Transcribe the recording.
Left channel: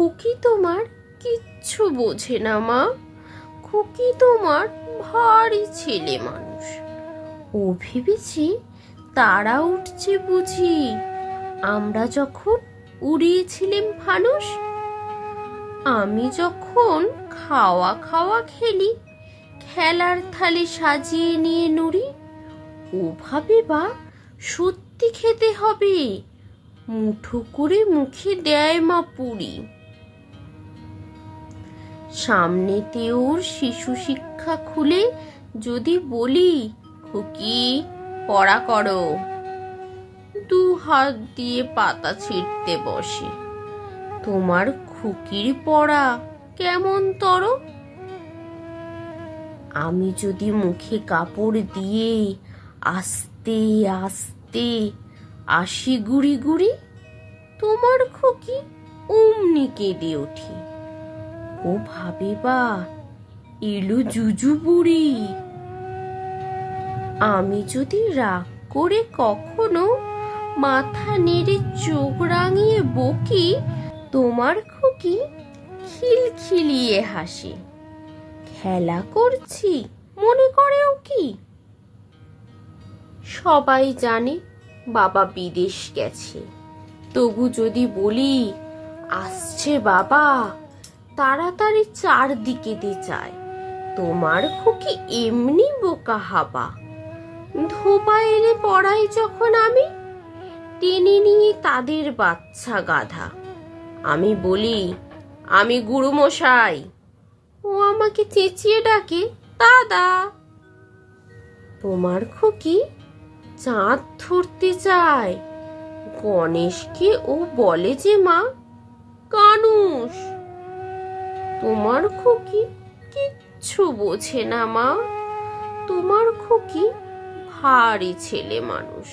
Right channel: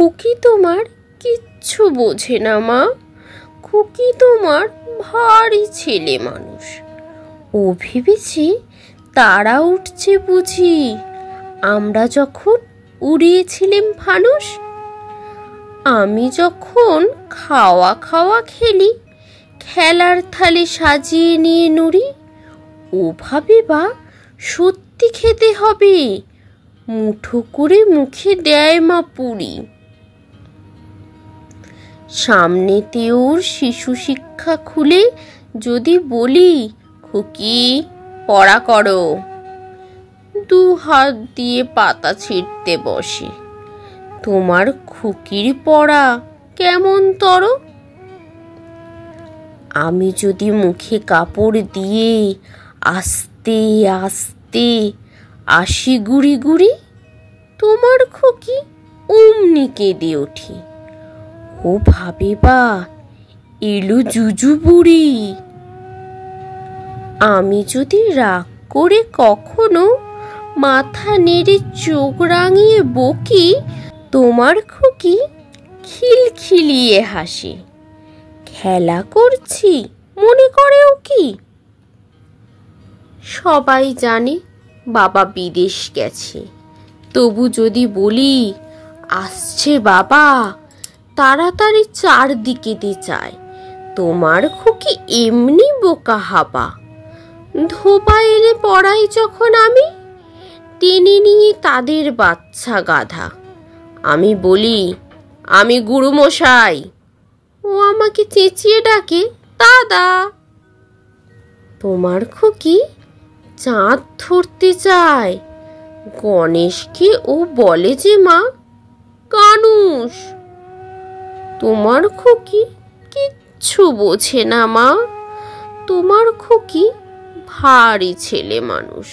খুকি তোমার কিচ্ছু বোঝে না মা। খুকি তোমার ভারী ছেলে মানুষ। ও ভেবেছে তারা উঠছে বুঝি আমরা যখন উড়িয়েছিলাম ফানুস। আমি যখন খাওয়া খাওয়া খেলি, খেলার থালি সাজিয়ে নিয়ে নুড়ি, ও ভাবে বা সত্যি খেতে হবে, মুঠো করে মুখে দেয় মা পুরি। সামনেতে ওর শিশু শিক্ষা খুলে যদি বলি, খুকি পড়া করো, দু হাত দিয়ে পাতা ছিঁড়তে বসে। তোমার খুকির পড়া কেমন তর। আমি যদি মুখে কাপড় দিয়ে আস্তে আস্তে আসি গুড়ি গুড়ি, তোমার খুকি অমনি কেঁদে ওঠে। ও ভাবে বা এলো জুজু বুড়ি। আমি যদি রাগ করে কখনো মাথা নেড়ে চোখ রাঙিয়ে বকি, তোমার খুকি খিলখিলিয়ে হাসে। খেলা করছি মনে করেও কি। সবাই জানে বাবা বিদেশ গেছে, তবু যদি বলি আসছে বাবা, তাড়াতাড়ি চারদিকেতে চায়। তোমার খুকি এমনি বোকা হাবা। ধোপা এনে পড়াই যখন আমি, টেনে নিয়ে তাদের বাচ্চা গাধা। আমি বলি আমি গুরুমশাই, ও আমাকে চেঁচিয়ে ডাকে দাদা। তোমার খুকি চাঁদ ধরতে চায়, গণেশকে ও বলে যে মা কানুস। তোমার খুকি কিচ্ছু বোঝে না মা। তোমার খুকি ভারী ছেলে মানুষ।